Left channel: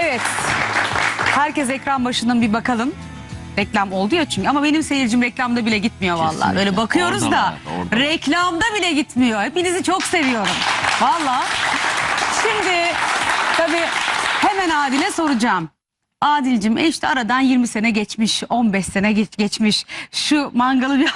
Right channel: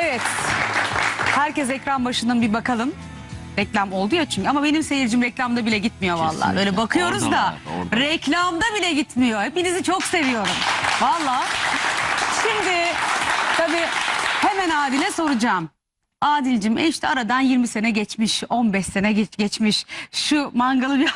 Evet. Herkes ekran başından bir bakalım. Reklam oldu ya çünkü ama benim seyircim reklamda bile gitmiyor vallahi. Kesinlikle. Böyle bakıyoruz Orada da var, orada. reklamda bile gitmiyor. Hepinizi çok seviyorum. Vallahi. Şimdi tabii hemen Adil'e soracağım. Adil'cim e işte aradan 20 sene geçmiş, 15 sene geç, geçmiş. Şu mangalı bir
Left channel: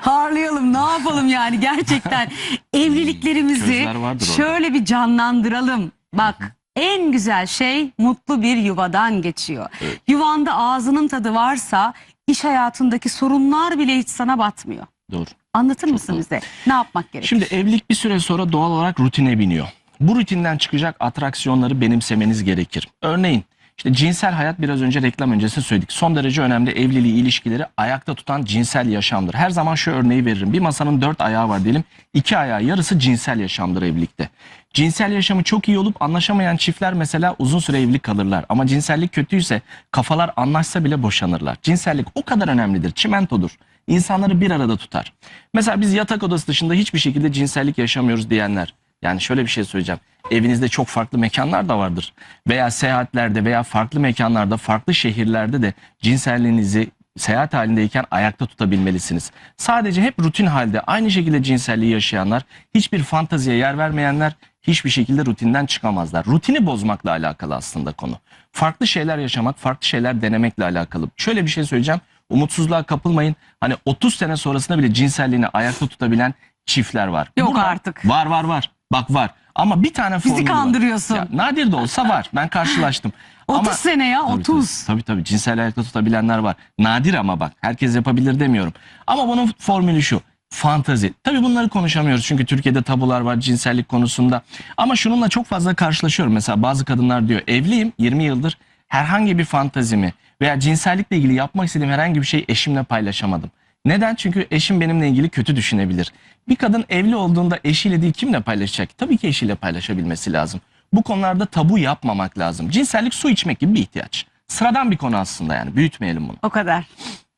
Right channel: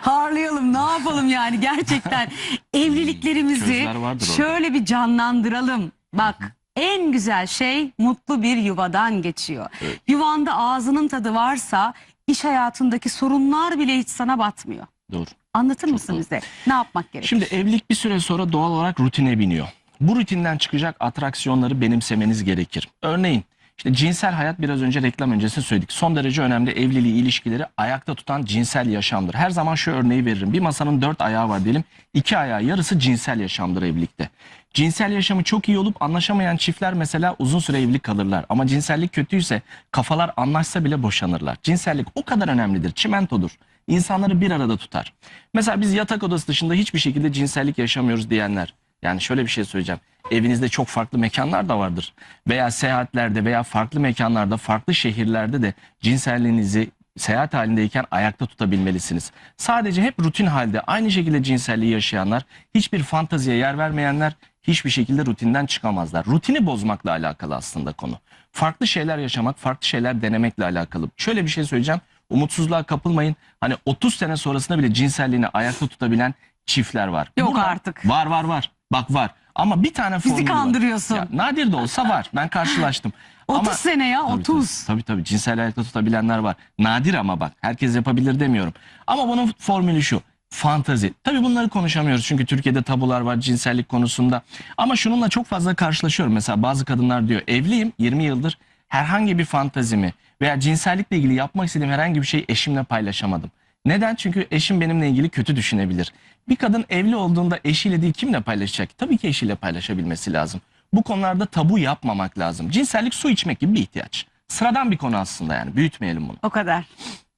harlayalım, ne yapalım yani gerçekten. Evliliklerimizi Közler vardır orada. şöyle bir canlandıralım. Bak en güzel şey mutlu bir yuvadan geçiyor. Evet. Yuvanda ağzının tadı varsa iş hayatındaki sorunlar bile hiç sana batmıyor. Doğru. Anlatır mısın doğru. bize? Ne yapmak gerekir? Şimdi evlilik bir süre sonra doğal olarak rutine biniyor. Bu rutinden çıkacak atraksiyonları benimsemeniz gerekir. Örneğin işte cinsel hayat biraz önce reklam öncesi söyledik. Son derece önemli evliliği ilişkileri ayakta tutan cinsel yaşamdır. Her zaman şu örneği veririm. Bir masanın dört ayağı var diyelim. İki ayağı yarısı cinsel yaşamdır evlilikte. Cinsel yaşamı çok iyi olup anlaşamayan çiftler mesela uzun süre evli kalırlar. Ama cinsellik kötüyse kafalar anlaşsa bile boşanırlar. Cinsellik o kadar önemlidir. Çimentodur. İnsanları bir arada tutar. Mesela biz yatak odası dışında hiçbir şekilde cinsellik yaşamıyoruz diyenler. Yani şöyle bir şey söyleyeceğim. Evinizde çok farklı mekanlar da vardır. Veya seyahatlerde veya farklı mekanlarda, farklı şehirlerde de cinselliğinizi seyahat halindeyken ayakta tutabilmelisiniz. Sadece hep rutin halde aynı şekilde cinselliği yaşayanlar, hiçbir fantaziye yer vermeyenler hiçbir şekilde rutinden çıkamazlar. Rutini bozmakla alakalı aslında konu. Farklı şeyler yaşamak, farklı şeyler denemekle alakalı. Şöyle bir şey söyleyeceğim. Umutsuzluğa kapılmayın. Hani 30 sene sonrasında bile cinselliğini ayakta tutabilen çiftler var. Yok artık. Var var var. Bak var. Ama bir tane Bizi formülü var. kandırıyorsun. Ya, nadir de olsa var. Ben karşılaştım. 30 Ama- sene ya Tabii, 30. Tabii, tabii tabii cinsel ayakta tutabilenler var. Nadir ama bak herkes yapabilir demiyorum. Ama bunun formülü şu. Fantazi. Tabii bunları konuşamıyoruz çünkü Türkiye'de tabular var cinsellik konusunda. Ama şununla çok fazla karşılaşıyorum. Mesela bazı kadınlar diyor evliyim 20 yıldır herhangi bir fantazimi veya cinsellikle ilgili yapmak istediğim herhangi bir şey eşimle paylaşamadım. Neden? Çünkü eşim benimle ilgili kötü düşünebilir. Bir kadın evli olduğunda eşiyle değil kimle paylaşacak? Tabii ki eşiyle paylaşabilmesi lazım. Bu konularda tabu yapmamak lazım. Cinsellik su içmek gibi bir ihtiyaç. Sıradan bir konu aslında yani büyütmeyelim bunu. O kadar.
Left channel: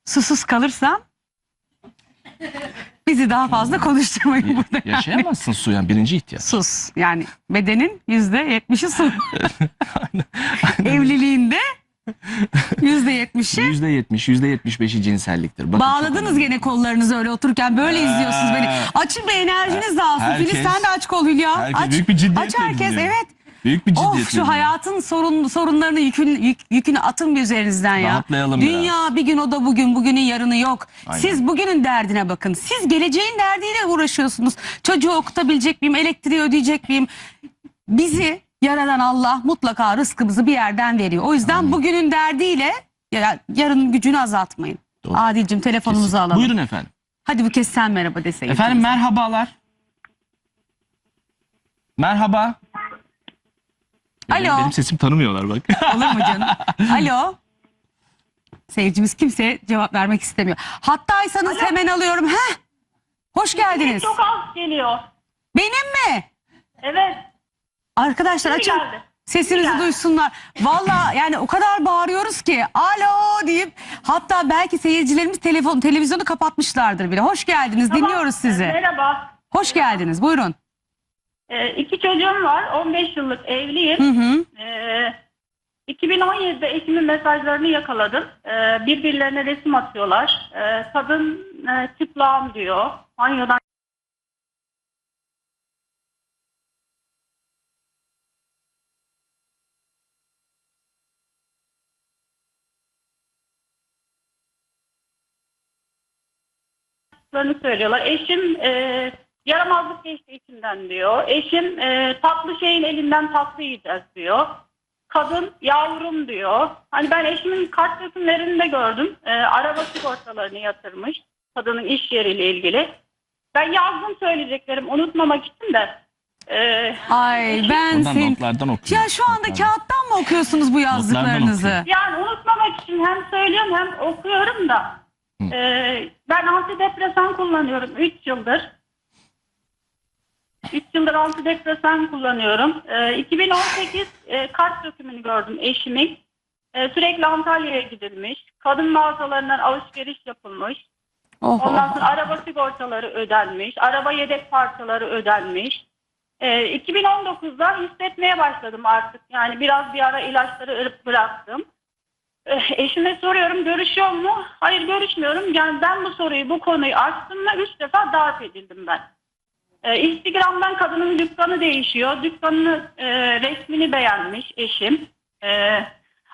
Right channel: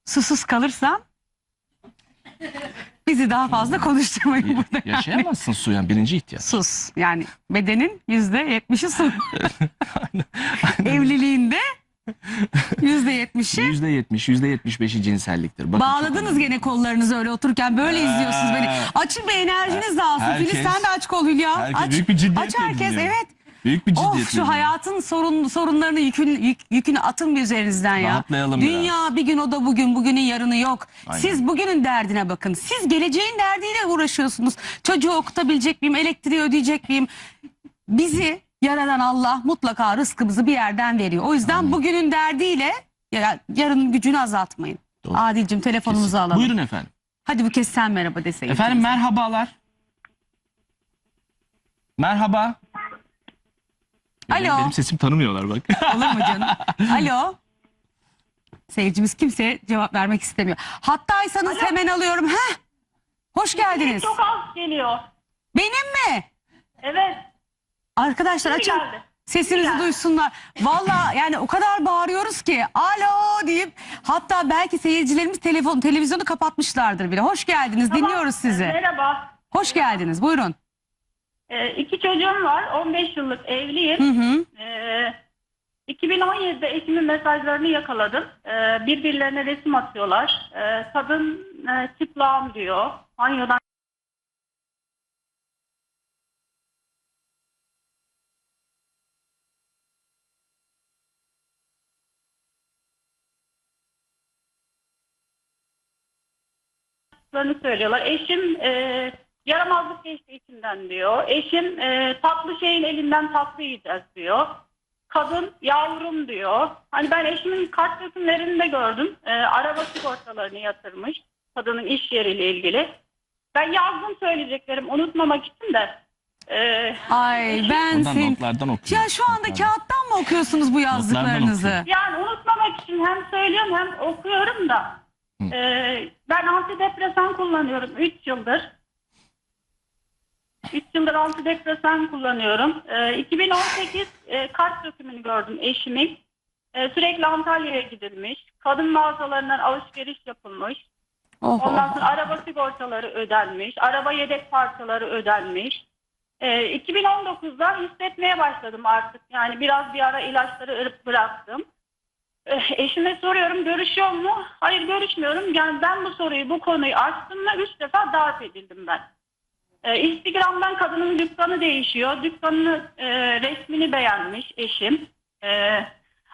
Susuz kalırsam bizi daha fazla konuşturmayın burada. yani. Yaşayamazsın su yani birinci ihtiyaç. Sus. Yani bedenin yüzde yetmişi su. Evliliğinde yüzde yetmişi. Yüzde yetmiş, yüzde yetmiş beşi cinselliktir. Bakın çok Bağladınız önemli. gene kollarınızı öyle otururken böyle izliyorsunuz beni. Açın bir enerjiniz dağılsın. Herkes- Filiz sen de aç kol Hülya. herkes aç, büyük bir ciddiyetle aç herkes dinliyor. evet. Büyük bir Of ciddiyet. şu hayatın sorun, sorunlarını yükün, yük- yükünü atın bir üzerinizden ya. Rahatlayalım Dünya bir gün o da bugün bugünün yarını yok. Aynen. Siz bugünün derdine bakın. Siz geleceğin derdiyle uğraşıyorsunuz. Çocuğu okutabilecek miyim? Elektriği ödeyecek miyim? Bizi yaradan Allah mutlaka rızkımızı bir yerden veriyor. O yüzden bugünün derdiyle ya- yarının gücünü azaltmayın. Doğru. Adil'cim telefonumuzu Kesin. alalım. Buyurun efendim. Hadi bu kez sen merhaba deseydin. Efendim merhabalar. Merhaba. Alo. Benim, benim sesim tanımıyorlar bak. Olur mu canım? Alo. Seyircimiz kimse cevap vermek istemiyor. Hattaysanız hemen alıyorum. Heh. Hoş geldiniz. Çok az geliyor. Benim mi? Evet. Arkadaşlar Şimdi açın. geldi. Sesinizi geldi. duysunlar. Valla yani o kadar bağırıyoruz ki alo deyip hatta belki seyircilerimiz telefon televizyonu kapatmışlardır bile. Hoş geldiniz. Tamam. Dinliyoruz sizi. Merhaba. Hoş geldiniz. Buyurun. Ee, iki çocuğum var. 15 yıllık evliyim. Hı hı. Ee, 2017'de eşimin mesajlarını yakaladım. Ee, birbirlerine resim atıyorlar. Ee, kadın e, çıplağım diyor. Banyodan söylüyorlar. Eşim e, yaramazlık geçti içimden diyor. Eşim e, tatlı şeyin elinden tatlı yiyeceğiz diyor. Kadın yavrum diyor. Hani ben eşimin kart resimlerini de gördüm. E, araba sigortalarını yatırmış. Kadının iş yeriyle ilgili. Ben yazdım söyleyeceklerim unutmamak için de. E, Ay ben sen... notlardan okuyorum. Ya şu anda Notlardan. kağıttan mı okuyorsunuz bu yazdıklarınızı? okuyorum. Yani unutmamak için hem söylüyorum hem okuyorum da. Hı. Ee, ben antidepresan kullanıyorum 3 yıldır. 3 yıldır antidepresan kullanıyorum. Ee, 2018 e, kart dökümünü gördüm eşimin. Ee, sürekli Antalya'ya gidilmiş. Kadın mağazalarından alışveriş yapılmış. Oh, Ondan oh. sonra araba sigortaları ödenmiş. Araba yedek parçaları ödenmiş. Ee, 2019'da hissetmeye başladım artık. Yani biraz bir ara ilaçları bıraktım. Ee, eşime soruyorum görüşüyor mu? Hayır görüşmüyorum. Yani ben bu soruyu bu konuyu açtığımda üç defa darp edildim ben. Ee, Instagram'dan kadının dükkanı değişiyor. Dükkanını e, resmini beğenmiş eşim. Ee,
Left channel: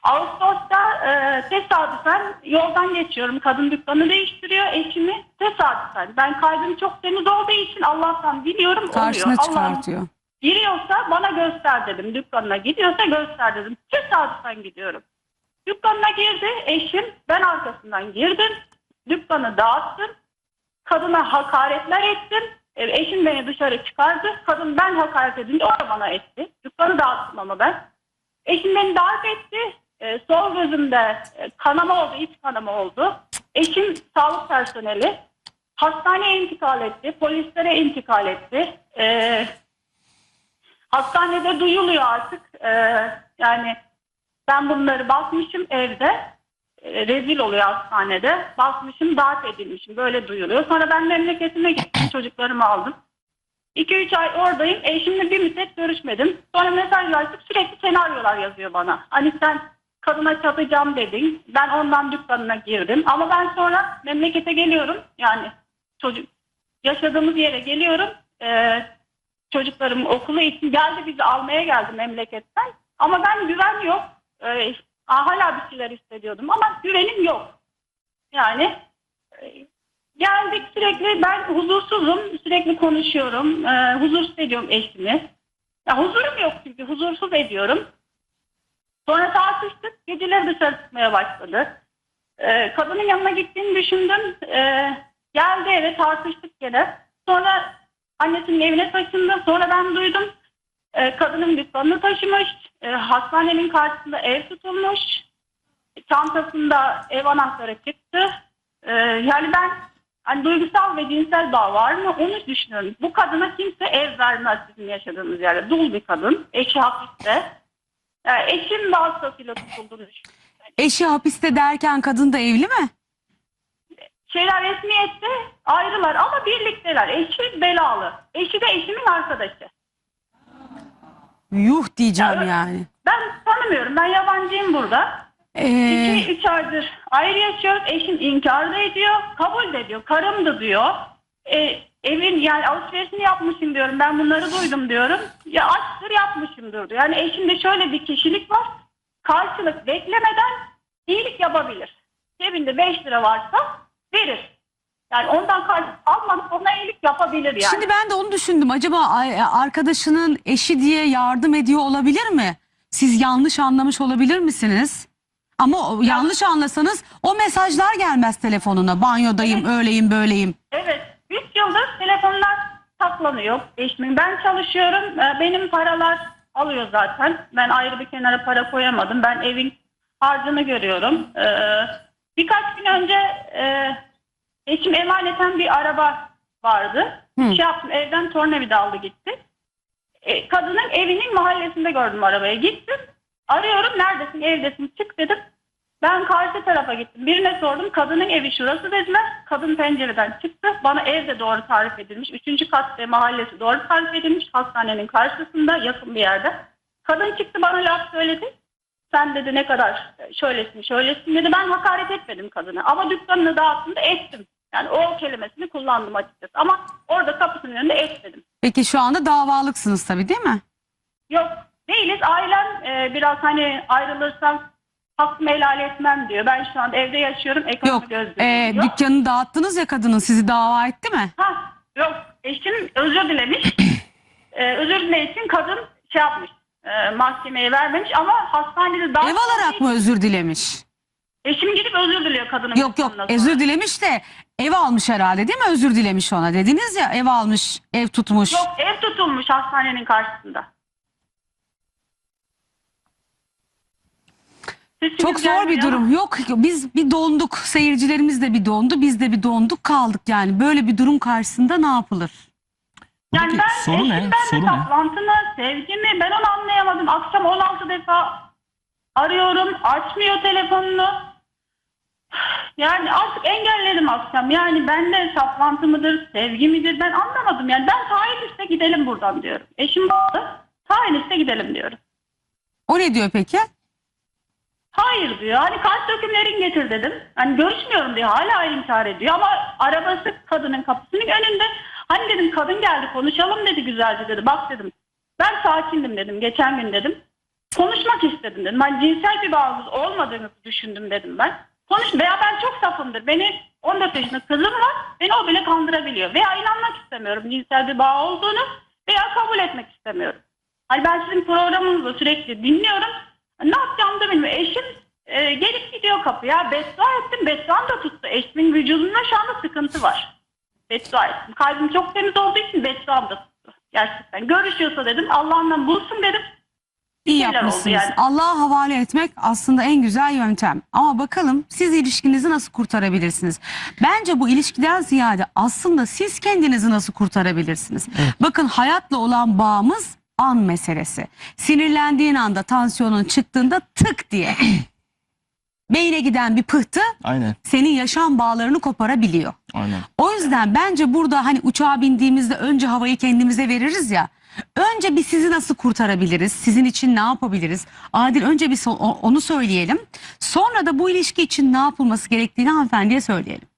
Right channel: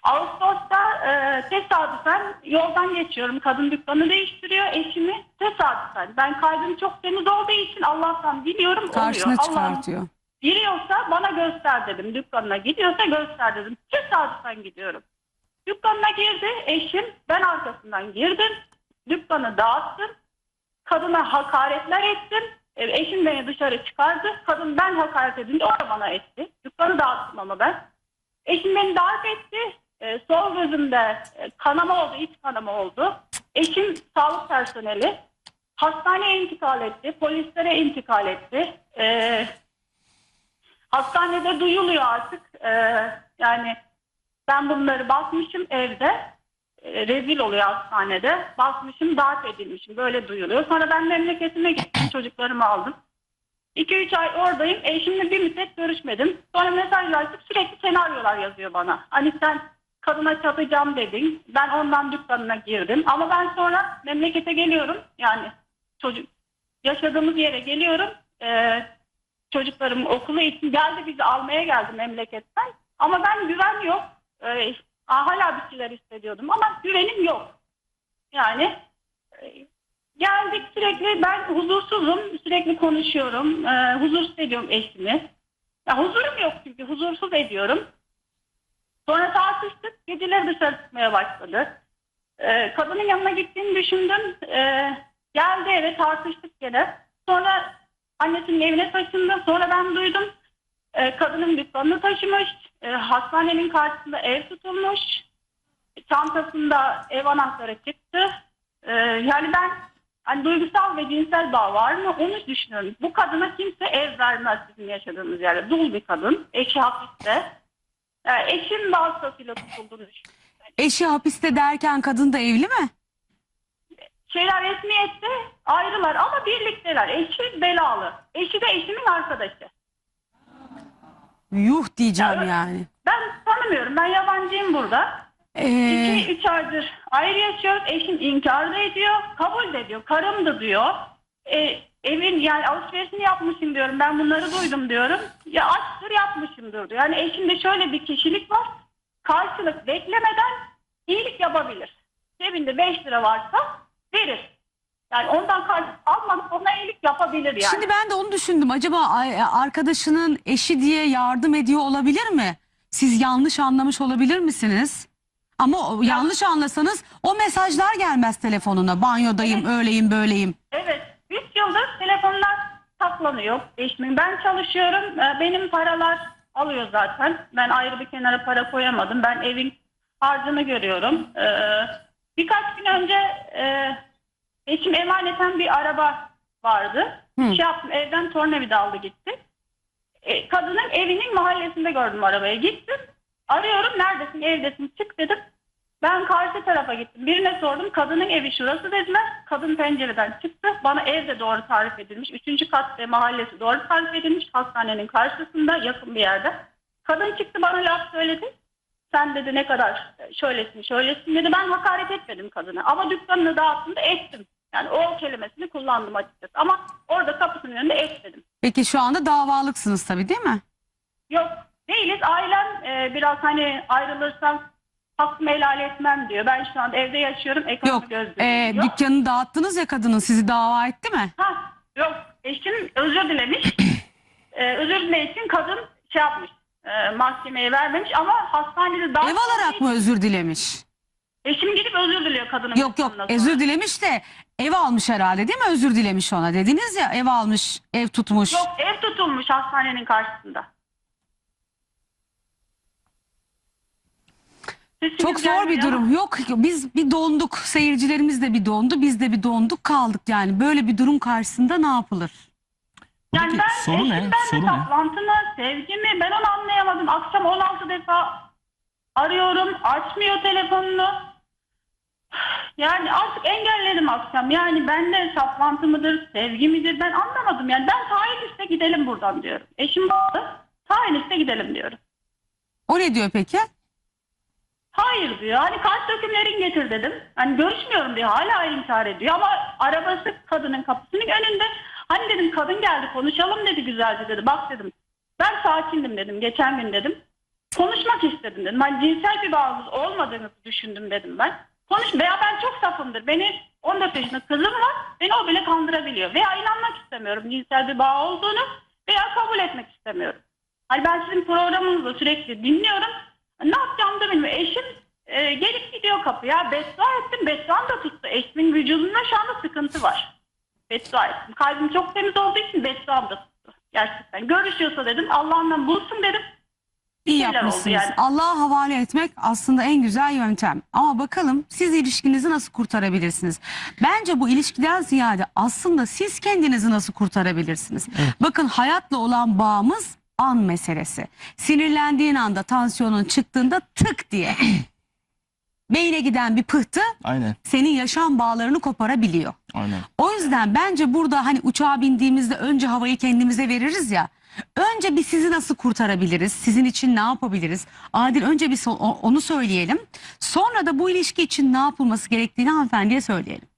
Ağustos'ta e, tesadüfen yoldan geçiyorum. Kadın dükkanı değiştiriyor eşimi. Tesadüfen. Ben kalbim çok temiz olduğu için Allah'tan biliyorum Karşına oluyor. Allah'ım çıkartıyor. giriyorsa bana göster dedim. Dükkanına gidiyorsa göster dedim. Tesadüfen gidiyorum. Dükkanına girdi eşim. Ben arkasından girdim. Dükkanı dağıttım. Kadına hakaretler ettim. E, Eşim beni dışarı çıkardı. Kadın ben hakaret edince o da bana etti. Dükkanı dağıttım ama ben. Eşim beni darp etti. E, sol gözümde e, kanama oldu, iç kanama oldu. Eşim sağlık personeli. Hastaneye intikal etti. Polislere intikal etti. E, hastanede duyuluyor artık. E, yani ben bunları basmışım evde. E, rezil oluyor hastanede. Basmışım, darp edilmişim. Böyle duyuluyor. Sonra ben memleketime gittim. Çocuklarımı aldım. 2-3 ay oradayım. Eşimle bir müddet görüşmedim. Sonra mesajlaştık. Sürekli senaryolar yazıyor bana. Hani sen kadına çatacağım dedin. Ben ondan dükkanına girdim. Ama ben sonra memlekete geliyorum. Yani çocuk yaşadığımız yere geliyorum. Ee, çocuklarım okulu için geldi bizi almaya geldi memleketten. Ama ben güven yok. Ee, hala bir şeyler hissediyordum ama güvenim yok. Yani e, geldik sürekli ben huzursuzum. Sürekli konuşuyorum. Ee, huzursuz ediyorum eşimi. Ya huzurum yok çünkü huzursuz ediyorum. Sonra tartıştık. Geceleri dışarı çıkmaya başladı. Ee, kadının yanına gittiğini düşündüm. Ee, geldi eve tartıştık gene. Sonra annesinin evine taşındı. Sonra ben duydum. Ee, kadının dükkanını taşımış. Ee, hastanenin karşısında ev tutulmuş. Çantasında ev anahtarı çıktı. Ee, yani ben hani duygusal ve cinsel bağ var mı onu düşünüyorum. Bu kadına kimse ev vermez bizim yaşadığımız yerde. Dul bir kadın. Eşi hapiste. Yani eşim vasıtasıyla tutulduğunu düşünüyorum. Eşi hapiste derken kadın da evli mi? Şeyler resmiyette ayrılar ama birlikteler. Eşi belalı. Eşi de eşimin arkadaşı. Yuh diyeceğim yani. Ben tanımıyorum. Ben yabancıyım burada. Ee, 2-3 aydır ayrı yaşıyoruz. Eşim inkar da ediyor. Kabul de ediyor. Karımdı diyor. E, evin yani alışverişini yapmışım diyorum. Ben bunları duydum diyorum. Ya açtır yapmışımdır diyor. Yani eşimde şöyle bir kişilik var. Karşılık beklemeden iyilik yapabilir. Cebinde 5 lira varsa verir. Yani ondan karşılık almadan ona iyilik yapabilir yani. Şimdi ben de onu düşündüm. Acaba ay- arkadaşının eşi diye yardım ediyor olabilir mi? Siz yanlış anlamış olabilir misiniz? Ama o- yanlış anlasanız o mesajlar gelmez telefonuna. Banyodayım, öyleyim, böyleyim. Evet. 3 yıldır telefonlar saklanıyor eşimin. Ben çalışıyorum. Ee, Benim paralar alıyor zaten. Ben ayrı bir kenara para koyamadım. Ben evin harcını görüyorum. Ee, Birkaç gün önce e, eşim emaneten bir araba vardı. Hı. Şey yaptım, evden tornavida aldı gitti. E, kadının evinin mahallesinde gördüm arabayı. Gittim. Arıyorum neredesin evdesin çık dedim. Ben karşı tarafa gittim. Birine sordum. Kadının evi şurası dediler. Kadın pencereden çıktı. Bana ev de doğru tarif edilmiş. Üçüncü kat ve mahallesi doğru tarif edilmiş. Hastanenin karşısında yakın bir yerde. Kadın çıktı bana laf söyledi. Sen dedi ne kadar şöylesin şöylesin dedi. Ben hakaret etmedim kadına. Ama dükkanını dağıttığında ettim. Yani o kelimesini kullandım açıkçası. Ama orada kapısının önünde etmedim. Peki şu anda davalıksınız tabii değil mi? Yok değiliz. Ailem e, biraz hani ayrılırsam hakkımı helal etmem diyor. Ben şu anda evde yaşıyorum. Ekonomi Yok. diyor. dükkanı dağıttınız ya kadının sizi dava etti mi? Ha, yok eşim özür dilemiş. ee, özür dilemek için kadın şey yapmış. E, mahkemeye vermemiş ama hastanede daha Ev alarak mı özür dilemiş? Eşim gidip özür diliyor kadının. Yok yok özür dilemiş de ev almış herhalde değil mi? Özür dilemiş ona dediniz ya ev almış, ev tutmuş. Yok ev tutulmuş hastanenin karşısında. Sesiniz Çok zor bir gelmiyor. durum. Yok biz bir donduk. Seyircilerimiz de bir dondu. Biz de bir donduk kaldık yani. Böyle bir durum karşısında ne yapılır? Yani Buradaki ben soru ne? eşimden Soru ne? mı, sevgi mi ben onu anlayamadım. Akşam 16 defa arıyorum, açmıyor telefonunu. Yani artık engelledim akşam. Yani bende saplantı mıdır, sevgi midir ben anlamadım. Yani ben tayin iste gidelim buradan diyorum. Eşim baktı. Tayin iste gidelim diyorum. O ne diyor peki? Hayır diyor. Hani kaç dökümlerin getir dedim. Hani görüşmüyorum diyor. Hala inkar ediyor ama arabası kadının kapısının önünde. Hani dedim kadın geldi konuşalım dedi güzelce dedi. Bak dedim ben sakindim dedim geçen gün dedim. Konuşmak istedim dedim. Hani cinsel bir bağımız olmadığını düşündüm dedim ben. Konuş veya ben çok safımdır. Beni 14 yaşında kızım var. Beni o bile kandırabiliyor. Veya inanmak istemiyorum cinsel bir bağ olduğunu veya kabul etmek istemiyorum. Hani ben sizin programınızı sürekli dinliyorum. Ne yapacağımı da bilmiyorum. Eşim e, gelip gidiyor kapıya. Beddua ettim. Bedduam da tuttu. Eşimin vücudunda şu anda sıkıntı var. Beddua ettim. Kalbim çok temiz olduğu için bedduam da tuttu. Gerçekten. Görüşüyorsa dedim Allah'ından bulsun dedim. İyi Şeyler oldu yapmışsınız. yani. Allah'a havale etmek aslında en güzel yöntem. Ama bakalım siz ilişkinizi nasıl kurtarabilirsiniz? Bence bu ilişkiden ziyade aslında siz kendinizi nasıl kurtarabilirsiniz? Bakın hayatla olan bağımız an meselesi. Sinirlendiğin anda tansiyonun çıktığında tık diye beyne giden bir pıhtı Aynen. senin yaşam bağlarını koparabiliyor. Aynen. O yüzden bence burada hani uçağa bindiğimizde önce havayı kendimize veririz ya. Önce bir sizi nasıl kurtarabiliriz? Sizin için ne yapabiliriz? Adil önce bir so- onu söyleyelim. Sonra da bu ilişki için ne yapılması gerektiğini hanımefendiye söyleyelim.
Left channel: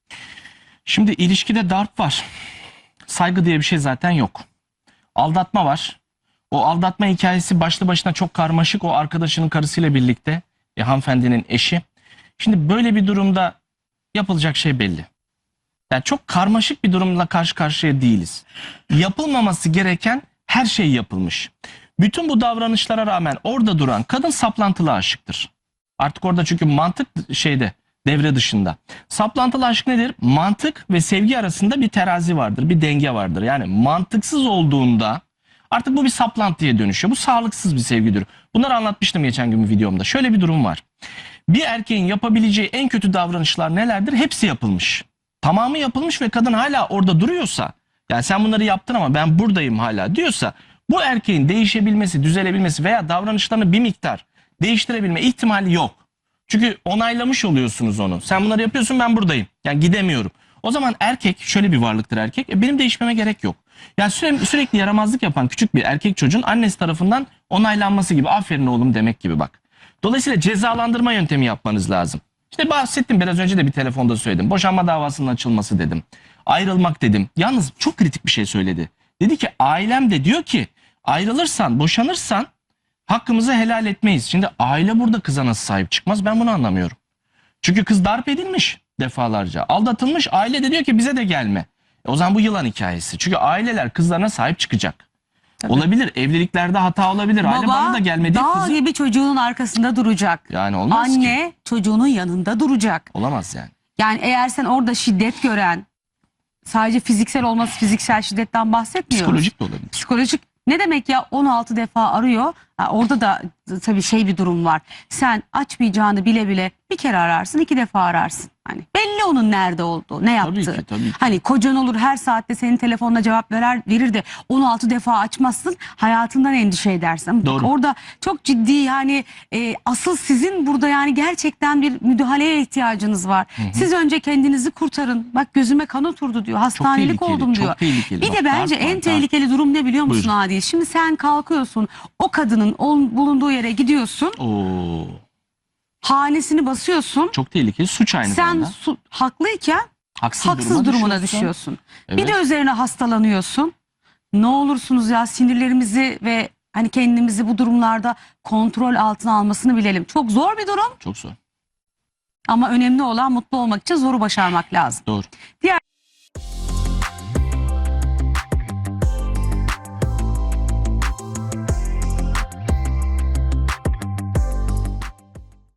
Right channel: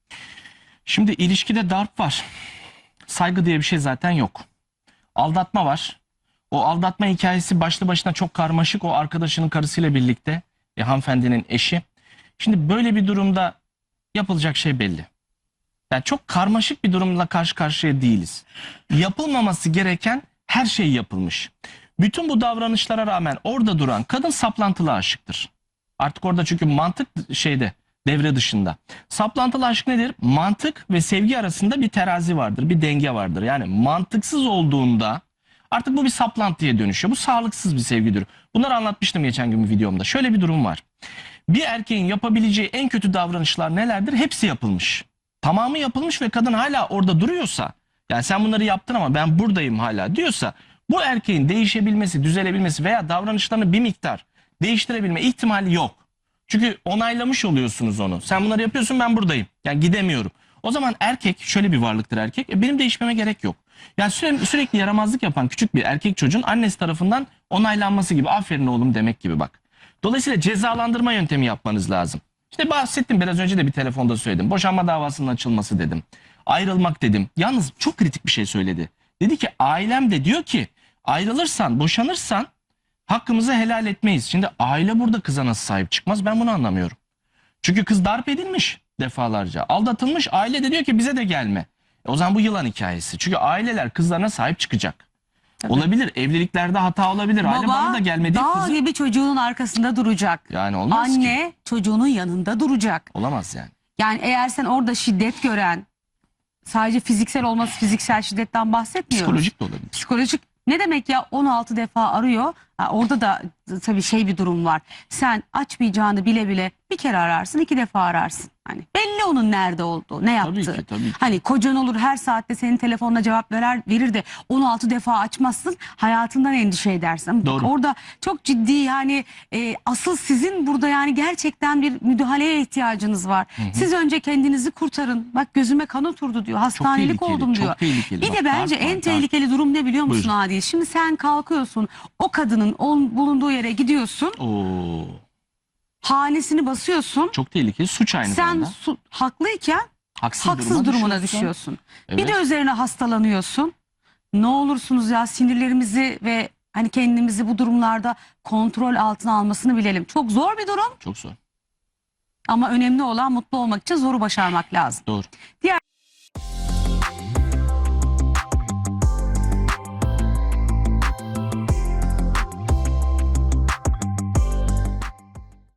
Şimdi ilişkide darp var. Saygı diye bir şey zaten yok. Aldatma var. O aldatma hikayesi başlı başına çok karmaşık. O arkadaşının karısıyla birlikte e, hanımefendinin eşi. Şimdi böyle bir durumda yapılacak şey belli. Yani çok karmaşık bir durumla karşı karşıya değiliz. Yapılmaması gereken her şey yapılmış. Bütün bu davranışlara rağmen orada duran kadın saplantılı aşıktır. Artık orada çünkü mantık şeyde devre dışında. Saplantılı aşk nedir? Mantık ve sevgi arasında bir terazi vardır, bir denge vardır. Yani mantıksız olduğunda artık bu bir saplantıya dönüşüyor. Bu sağlıksız bir sevgidir. Bunları anlatmıştım geçen gün videomda. Şöyle bir durum var. Bir erkeğin yapabileceği en kötü davranışlar nelerdir? Hepsi yapılmış. Tamamı yapılmış ve kadın hala orada duruyorsa, yani sen bunları yaptın ama ben buradayım hala diyorsa, bu erkeğin değişebilmesi, düzelebilmesi veya davranışlarını bir miktar değiştirebilme ihtimali yok. Çünkü onaylamış oluyorsunuz onu. Sen bunları yapıyorsun ben buradayım. Yani gidemiyorum. O zaman erkek şöyle bir varlıktır erkek. E, benim değişmeme gerek yok. Yani sürekli, sürekli yaramazlık yapan küçük bir erkek çocuğun annesi tarafından onaylanması gibi. Aferin oğlum demek gibi bak. Dolayısıyla cezalandırma yöntemi yapmanız lazım. İşte bahsettim biraz önce de bir telefonda söyledim. Boşanma davasının açılması dedim. Ayrılmak dedim. Yalnız çok kritik bir şey söyledi. Dedi ki ailem de diyor ki ayrılırsan, boşanırsan hakkımızı helal etmeyiz. Şimdi aile burada kıza nasıl sahip çıkmaz ben bunu anlamıyorum. Çünkü kız darp edilmiş defalarca. Aldatılmış aile de diyor ki bize de gelme. E o zaman bu yılan hikayesi. Çünkü aileler kızlarına sahip çıkacak. Tabii. Olabilir evliliklerde hata olabilir. aile bana da gelmedi. dağ Kızım. gibi çocuğunun arkasında duracak. Yani olmaz ki. Anne çocuğunun yanında duracak. Olamaz yani. Yani eğer sen orada şiddet gören sadece fiziksel olması fiziksel şiddetten bahsetmiyoruz. Psikolojik de olabilir. Psikolojik ne demek ya 16 defa arıyor. Ha, orada da tabii şey bir durum var. Sen açmayacağını bile bile bir kere ararsın, iki defa ararsın. Hani belli onun nerede olduğu, ne Tabii yaptığı. ki tabii ki. Hani kocan olur her saatte senin telefonuna cevap verer verir de 16 defa açmazsın hayatından endişe edersin. Doğru. Orada çok ciddi yani e, asıl sizin burada yani gerçekten bir müdahaleye ihtiyacınız var. Siz önce kendinizi kurtarın. Bak gözüme kan oturdu diyor. Hastanelik tehlikeli, oldum çok diyor. tehlikeli. Bir Bak, de bence darp en darp. tehlikeli durum ne biliyor musun Buyurun. Adil? Şimdi sen kalkıyorsun o kadının ol- bulunduğu yere gidiyorsun. Oo, Hanesini basıyorsun. çok tehlikeli. Suç aynı Sen zamanda. su- haklıyken Haksız, haksız durumuna düşüyorsun. düşüyorsun. Bir Evet. de üzerine hastalanıyorsun. Ne olursunuz ya sinirlerimizi ve hani kendimizi bu durumlarda kontrol altına almasını bilelim. Çok zor bir durum Çok zor. ama önemli olan mutlu olmak için zoru başarmak lazım. Doğru. Diğer